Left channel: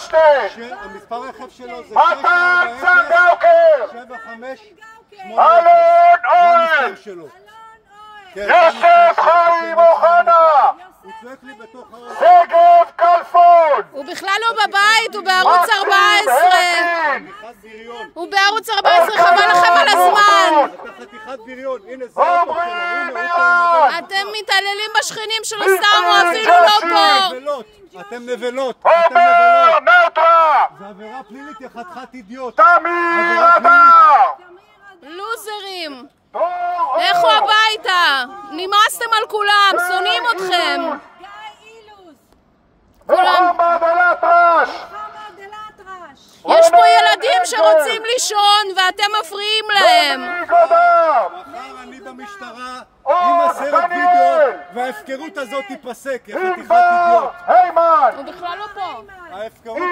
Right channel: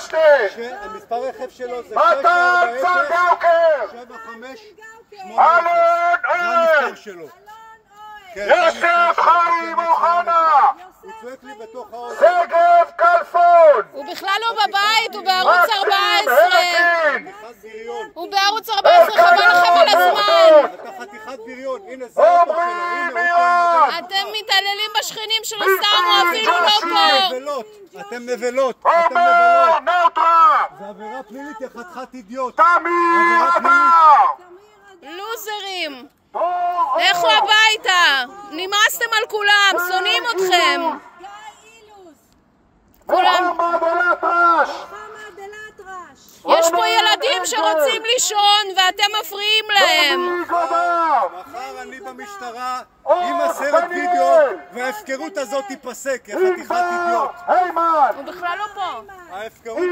פלשתין! המספר רכב שלו זה מתן צנגאוקר! 7580. אלון זה אוהל! המספר שלו. יוסף חיים אוחנה! הוא צועק לי בתוך האוטו. שגב כלפון! הוא בכלל לא בבית, הוא בערוץ 14. חתיכת בריון. הוא בערוץ 14, חבל לכם על הזמן. אתה חתיכת בריון. הנה זה האוטו שלו. הנה הוא פה. אתם מתעללים בשכנים שלו סתם, הוא אפילו לא פה. נבלות. אתם נבלות. עומר נאוטרה! זה עבירה פלילית, יא חתיכת אידיוט. תמיר אדר! לוזרים. לכו הביתה. נמאסתם על כולם, שונאים אתכם. מוחמד אל-אטרש! יש פה ילדים שרוצים לישון ואתם מפריעים להם. מחר אני במשטרה עם הסרט וידאו וההפקרות הזאת תיפסק, יא חתיכת אידיוט. הימן! הוא בכלל לא פה. ההפקרות